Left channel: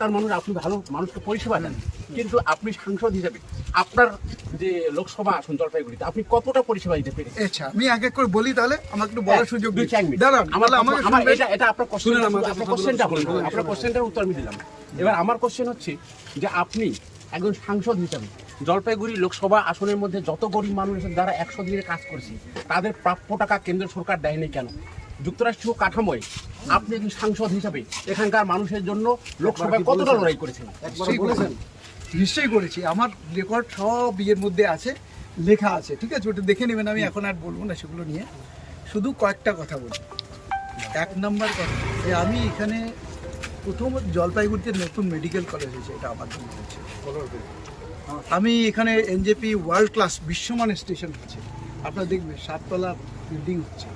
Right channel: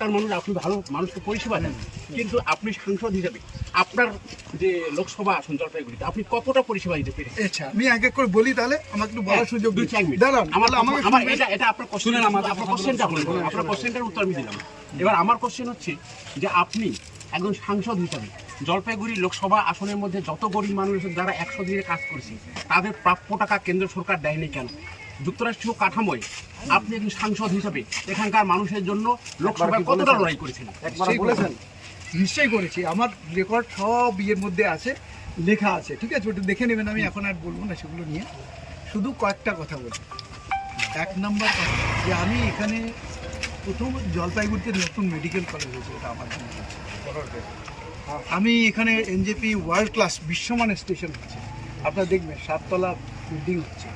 তার মানুষ আপনি ভালো মানুষকে পরিষেবা দেন। কিন্তু আপনি সাংসদ হিসেবে আপনার যে লোকসভা আসন জলপাইগুড়িতে আপনি কতটা পরিষেবা দিতে পেরেছেন? আচ্ছা আমি এক এক করে বলি তাহলে আমাকে একটু বলার সুযোগ দিন। দাঁড়ান আমার আমার এটা এটা আপনার কোশ্চেন আপনার কোশ্চেনটা হলো আপনার কোশ্চেনটার উত্তর আমি দিলাম। এবার আমার কোশ্চেন হচ্ছে যে আপনি একজন সাংসদ হিসাবে জলপাইগুড়ি লোকসভা আসনের মধ্যে যত গরিব মানুষের দ্বারা একশো দিনে কাজ করেছে তাদের প্রাপ্য টাকা কেন্দ্র সরকার দেয়নি কেন? যুক্তরাষ্ট্রীয় কাঠামোয় আপনি একজন সাংসদ হিসাবে এখানকার মানুষের জন্য লোকসভায় কতটা লড়াই করেছেন? বলেছেন? নিশ্চয়ই করেছি। আমার রেকর্ড সব ইয়ের মধ্যে আছে লেখা আছে ঠিক আছে? ওটা দেখে নেবেন আমি এখন আর বলব না সেগুলো নিয়ে। শুধু কয়েকটা কথা বলি। এক নম্বর কথা যে আমি এখানে প্রথম জলপাইগুড়িতে নতুন মেডিকেল কলেজ হয়েছে এটা আমার জন্য হয়েছে। আমি এখানে এনজেপি ওয়ার্ল্ড ক্লাস বিশ্বমানের স্টেশন হচ্ছে। আপনারা দেখবেন সাততলা বিল্ডিং হচ্ছে।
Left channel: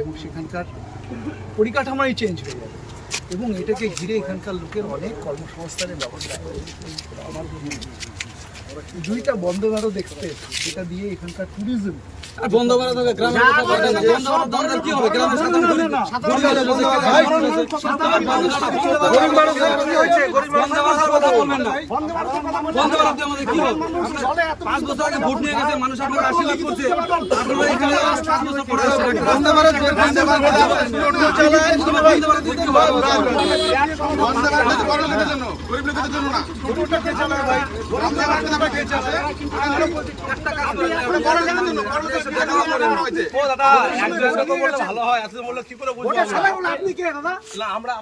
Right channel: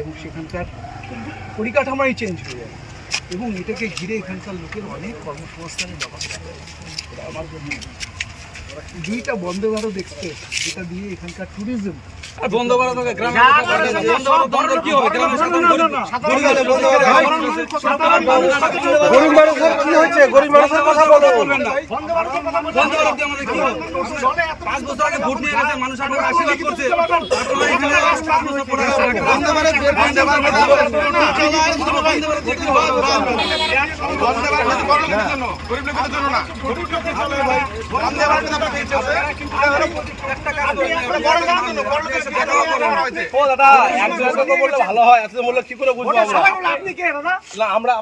এবং সেখানকার পরিকাঠামোই চেঞ্জ হয়ে যাবে। এবং এটাকে ঘিরে এখানকার লোকের অনেক কর্মসংস্থানের ব্যবস্থা আমার জন্য দুইটা বন্দে ভারত এক্সপ্রেস যেটা দিয়ে এখানকার ট্যুরিজম বন্ধ করা থাকে গ্রামে বন্ধ বন্ধ কি হবে গ্রামে সাধারণ গরিব কথা বলবেন না বন্ধ করা আমাদের কি হবে পাঁচ বছর আগে ভোট নিয়ে গেছে মানুষ আপনাকে আশীর্বাদ করছে আপনারা এখানে পাঁচ বছর পরে আসছেন একটা কাজ করেন দাদা একজন কথা বললে ভালো হয় আসলে বললে কি করে বুঝব সবাই বলে আপনি কে দাদা?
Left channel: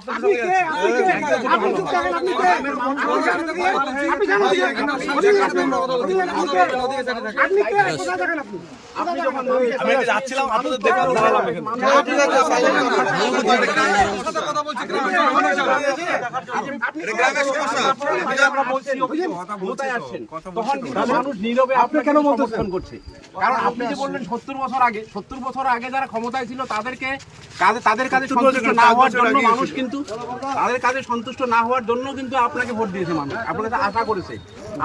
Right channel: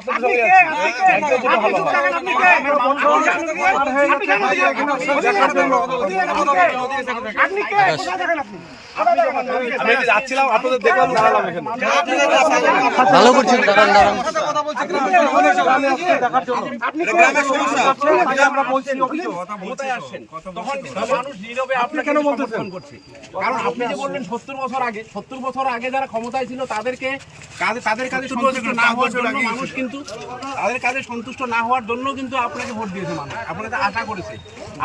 আপনি কে আপনি কে? আপনি চুপ থাকেন আপনি কে? আপনি কেন আপনি কে? কোথায় থাকেন আপনি? যাচ্ছিলাম আপনাদের দেখার ভালো করছেন কথা বলছি গ্রামের সমস্যা। তখন কিন্তু আপনি কেন সমর্থন করছে কারণ আপনি যে বললেন সত্তর বছর আগে। সত্তর বছর আগে যারা ক্ষমতায় ছিল তাদেরকে কাজে তাদের কাজে সন্তুষ্ট না হওয়ার জন্য মানুষ কিন্তু তাদের কাজে সন্তুষ্ট না হওয়ার জন্য কিন্তু আপনাকে ভোট দিয়েছে মানুষ। আপনার কাছে আশা করেছে।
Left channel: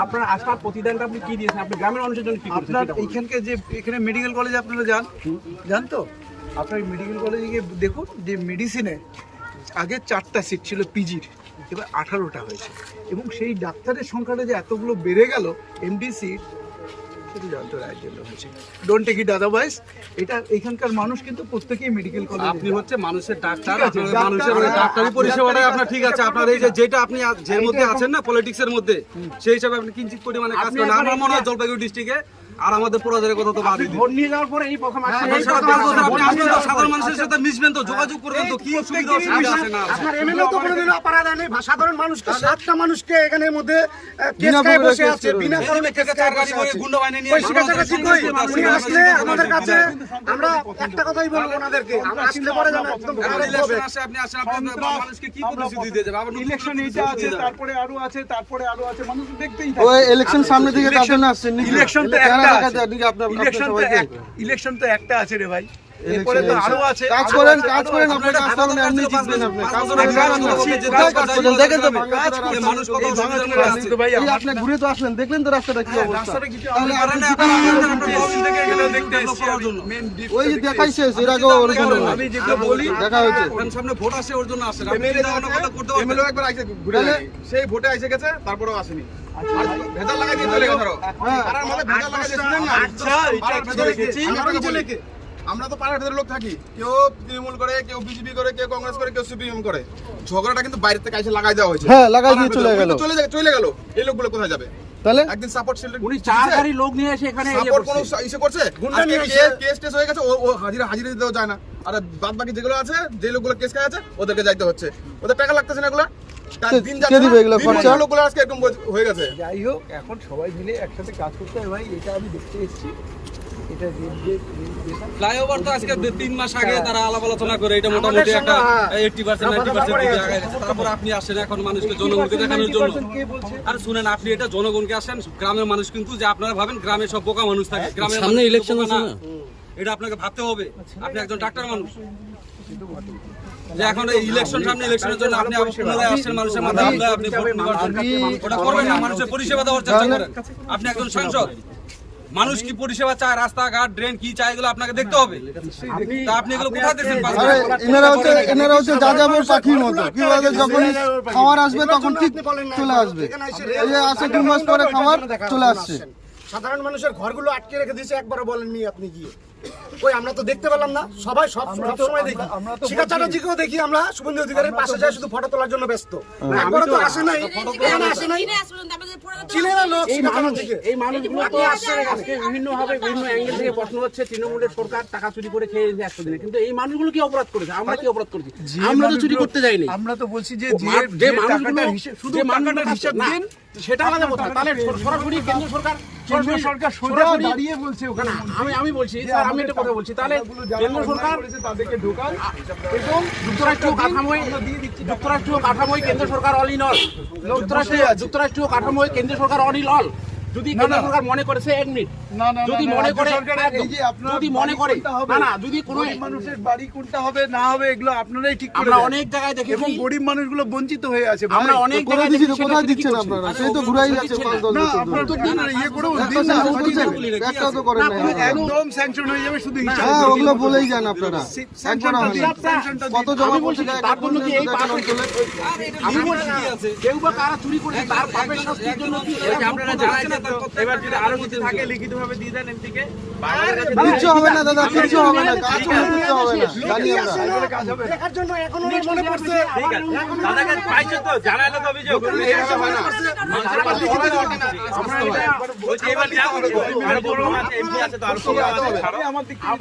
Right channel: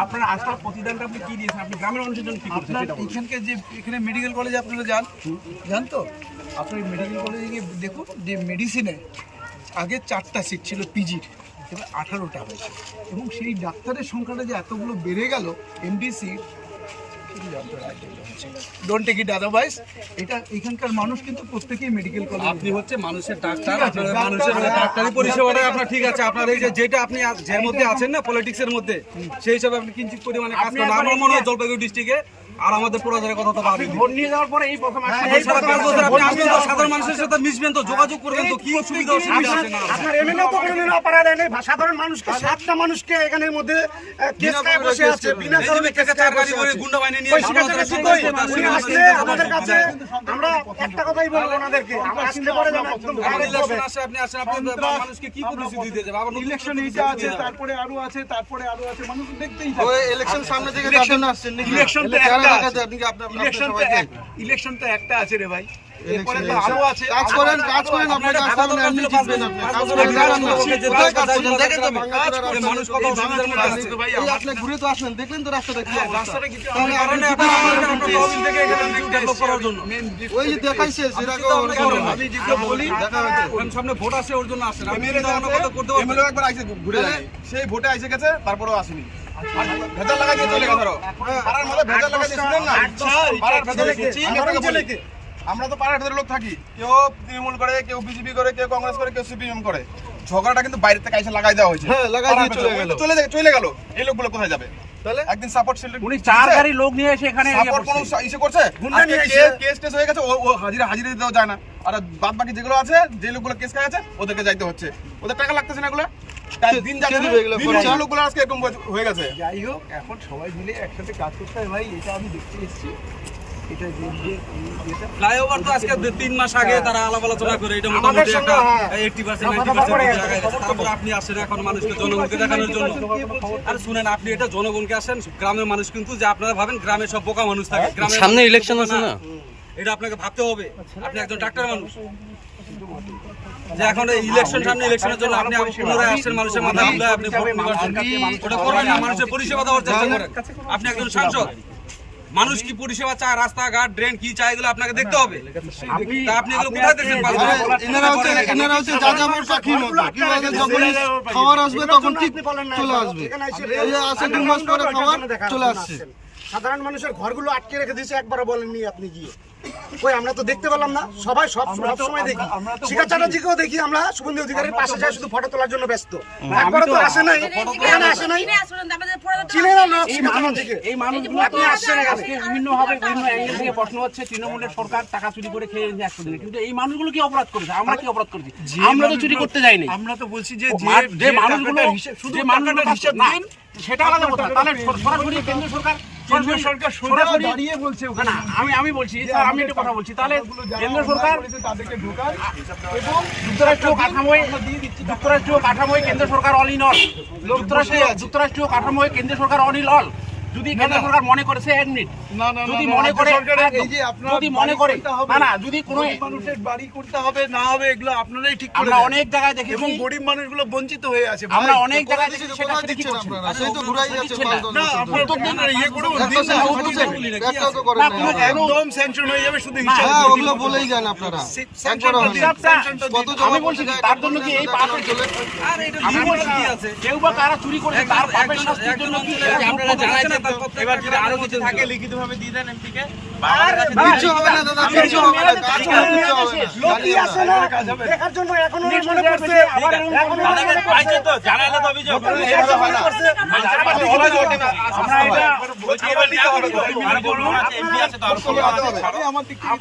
আপনার আশার প্রতিদানটা আপনি কি দিয়েছেন? আপনি গ্রামের মানুষের জন্য কি করেছেন এখানকে যে এখানে মেডিকেল কলেজে আপনারা যান যান তো? আপনার মেডিকেল কলেজে গিয়ে দেখুন যে মেডিসিনে আগে চারটা সিট ছিল পিজির এবার আঠারোটা হয়েছে। এবং সেই ডাক্তারের সংখ্যাটা যে এতগুলো বেড়ে গেল এমডি সিট সেটা জানতো রায়ের জন্য হয়েছে। ডোন্ট টেক ইট আদারওয়াইজ এটা এখানকার মানুষ কিন্তু প্রত্যেকেই মেডিকেল কলেজ আপনি হচ্ছে মানুষের ডাক্তার আপনার মানুষের ওই ডাক্তারি পরিষেবাটা আপনার ঠিক আছে। আপনার এই যে যেটা আপনি যের মধ্যে আছেন না পলিটিক্সের মধ্যে সেই হিসাবে আপনি কিঞ্চিত পরিমাণে কাজ আপনি করেন। আমার মনে হয় জলপাইগুড়ি ডিস্ট্রিক্টে আর আমাদের কথা তো বাড়ি ভোট নিয়ে যাওয়ার পরে এই প্রথম আসছেন। এই সারা আপনি তো সাধারণ মানুষের সাথে মিশবেন তো যোগাযোগ করবেন তো কি সুবিধা অসুবিধা আছে না আপনার এমএলএ তো কোনোদিন অপরাধ নেই সাধারণ মানুষকে সাতটা মানুষকে এখানে মধ্যে কেস খায় বসে আছে বিনা কারণে কেস খায় বসে আছে। গুন্ডা বাহিনী নিয়ে ওই শিকারটা ঠিক কই উনি আসলে আমাদের আমাদের কাছে আমরা একটা কথাই বলব ওনাদেরকে। আমরা আসলে পরে যেন একদম আপনি আসেন আপনি মানুষকে কি প্রতিশ্রুতি দিয়ে যাবে? আবার ইলেকশন এইটা আছে। তারপরে আরও আছে তারপরে আরও আছে মানুষ দেখতেই থাকে ইলেকশন সামনে দিকে আসছেন ইলেকশন তো একটা ইলেকশন তো একটা আছে রে ভাই। এরপরে তো আরও আছে কাজ আরও করেন, কাজ করেন, আছে। আপনার এটা কাজ ভাবা দরকার ছিল এমনি বছর আপনি। বছর আগে কাজ করতে যে কাজ রাস্তা করেন, তো, কাজ এই মানুষ কত অসুবিধার মধ্যে আছে। এই আপনি ঘুরে তো আসলেন দেখলেন তো রাস্তাটা কি অবস্থা? রাস্তাটা কিছু তাহলে কারণ এখন জিতে আমাদের গেলেন আপনার কেন? তহবিল থেকে এখানে ডেভেলপ করার জন্য। ওই যে দেখাইছে সেটা চিন্তা ভাবনা করেন না। আমি যেটা বলি দেখা হয়েছে। এখন সামনে ভোট আসে ওর জন্য আপনি করতে পারবেন। এমএলএ একবার ঘুরে সেই ভোটে আইসে গেছে তারপরেও আসেনি। আর ভেজাল লাগাই দিয়ে চলে গেছে ধরো। পাড়ার মধ্যে ভেজাল লাগাই দিয়ে শুনেন না পাড়ার ভেতরে কি? আমরা তো বলি, আমরা তো পাড়ার ভেতরে লোক থাকি। কেউ তৃণমূল করে কেউ বিজেপি করে কেউ কংগ্রেস করে কেউ সিপিএম করে। ঝগড়াটা কিন্তু বাইরে থেকে এসে লাগাই দেওয়া হয়েছে। হ্যাঁ, লাগাই দিয়ে চলে গেল। চলে চলে গেল। এই লোকগুলো কোথায় যাবে? তাহলে? একদিন সাপোর্ট ছিল উনি চার গাড়ি লোক নিয়ে এসে এখানে ইয়ে সাপোর্ট কোনো করছে। ইসে করছে? গুন্ডা নিয়ে আজকে কেস- টেস হয়ে গেছে? ও ও হাজিরা হাজিরা দিতেও যায় না। আর বাদ বাকি যেগুলো আছে যে লোকগুলো কেস খায় আছে ওদেরকে যাইতে হচ্ছে। ওদের টাকা লাগতেছে না এগুলো? দিন যাচ্ছে লোকগুলো আজকে এরকম হয়ে গেছে। যাই হোক এখন সবাই মিলে একসাথে কাজ করতে হয়। ভাই এটা আমি দেখতে এসেছি। ফ্লাইওভার তো আজকে তিন মাস আগে তারা আলাপ আলোচনা করে এটা মোটামুটি একটা এইটটি পার্সেন্ট নাইনটি পার্সেন্ট তারপর আপনি আসেন এখন মানুষকে জনগণকে দেখানোর জন্য। আর শুনেন আপনি এটা জনগণকে আসেন গ্রামের মানুষ কিন্তু যে আপনারা ভাবেন গ্রামে সব বোকা মানুষ থাকে গ্রামের সামনে ইলেকশন আছে না? এটা আপনাকে ভাবতে হবে। আপনি একজন ডাক্তার মানুষ। যে এখন এই ইলেকশন সামনে ইলেকশনের জন্য আপনি পুনরায় আসছেন মানুষের মাথা ঘুরে আপনি ভোট নেওয়ার ওটা করবেন না মানুষের পরিষেবা দেওয়ার চেষ্টা করেন। আপনি একজন সাংসদ। মানুষ কি পরিষেবা চায় রাস্তাঘাট ড্রেন কি চায় এগুলো আপনাকে দেখতে হবে। আপনি তা আপনি এগুলো কোথায় দেখছেন? এনারা হচ্ছে এনারা হচ্ছে যখন খাবার আসবে তখন ঠিক চলে আসবে। এই দু মাস পরে খাবার চলে আসছে। সাধারণ মানুষের ঘরগুলো আটকে রেখে দিয়েছে একবার বলেননি আপনি গিয়ে। কই আমরা তো দেখতে পেলাম না। সবাই সব সব সময় দেখি। শিখা চ্যাটার্জিকেও দেখি আমরা শুভেন্দু অধিকারীর পাশে যাই শুধু ফটো তোলার জন্য ব্যস্ত। একবারও তো আসে নাই। এখানে আসে নাই। চিনে না লোক এই শিখা চ্যাটার্জিকে। এই মানুষগুলো তো আসছে আজকে বিভিন্ন ভাবে বিভিন্ন অ্যাঙ্গেল থেকে প্রশ্ন হচ্ছে তৃণমূলের সরকার টাকা চুরি করে খেয়ে নিয়েছে একশো দিনে। কিন্তু এই মানুষগুলো কি অপরাধ করেছে? আমরা কি অপরাধ করেছি? আমরা তো চুরি করতে যাইনি। আমরা তো বলছি যে যে মানুষগুলো শুধু যে মানুষগুলো হিসেব দিন সেটা আলাদা কথা। তাহলে সরাসরি কেন্দ্র সরকার সরকার সরাসরি দাঁড়িয়ে বলছে ওখানে। আমি আমি বলছি স্যার আমি একটা কথা বলছি। তাহলে কেন্দ্র সরকার তাদেরকে ঢোকায় এবং যুক্তরাষ্ট্রীয় কাঠামোয় যুক্তরাষ্ট্রীয় কাঠামোয় কেন্দ্র সরকার অল ইন অল। যুক্তরাষ্ট্রীয় যুক্তরাষ্ট্রীয় কাঠামোয় কেন্দ্র সরকার অল ইন অল। যদি কেন্দ্র সরকার মনে করেছে এক মিনিট। না, না, না, যদি মনে করে যদি মনে করে না না যদি কোনো মানুষের বাড়ি কোনটা হবে না হবে এগুলো আপনারাই ঠিক করে আমরা অনেক জায়গায় দেখেছি। এবং গরিব মানুষগুলো বঞ্চিত হয়ে আছে আমরা অনেক জায়গায় দেখেছি সেটা কি দিচ্ছেন আপনারা? সেই তো ঘুরাই যাচ্ছে না। আপনারা তো দিন না, ইয়ে করে দিন না, করেন। একদম স্যাংশন হয়ে যাবে শুধু হিসাব হ্যাঁ ওগুলো বলেই যান আপনারা। স্যাংশনটা দিন, স্যাংশনটা দিন। আমি বলছি তার জন্য কি এই পাপ আর এটা কি আছে? কেউ বা কারা চুরি করেছে তার পাপের শাস্তির জন্য কি আপনারা জানাইছেন এবার যদি আরও কিছু থাকে লিখিত লিখিতভাবে দিয়ে দেন এমপিকে কিচ্ছু হবে না দাদা কিচ্ছু হবে না কিচ্ছু হবে না, কিচ্ছু হবে না। লোকই আসে না। দেখার জন্য এখন মনে এখন পাইছে তো জানালে তো অভিযোগ।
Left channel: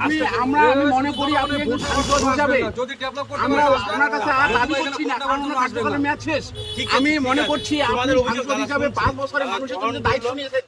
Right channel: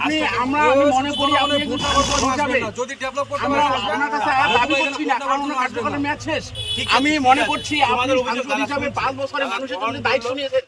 আমরা আমি মনে করি আপনি একজন সাংসদ হিসাবে যদি ডেভেলপ করতে আমরা পারেন, আপনার কাছে আর দাবি করছি না কারণ ম্যাচ শেষ। আমি মনে করছি আপনি সাংসদ হিসাবে পাঁচ বছরের মানুষের জন্য দায়িত্ব নিয়েছেন।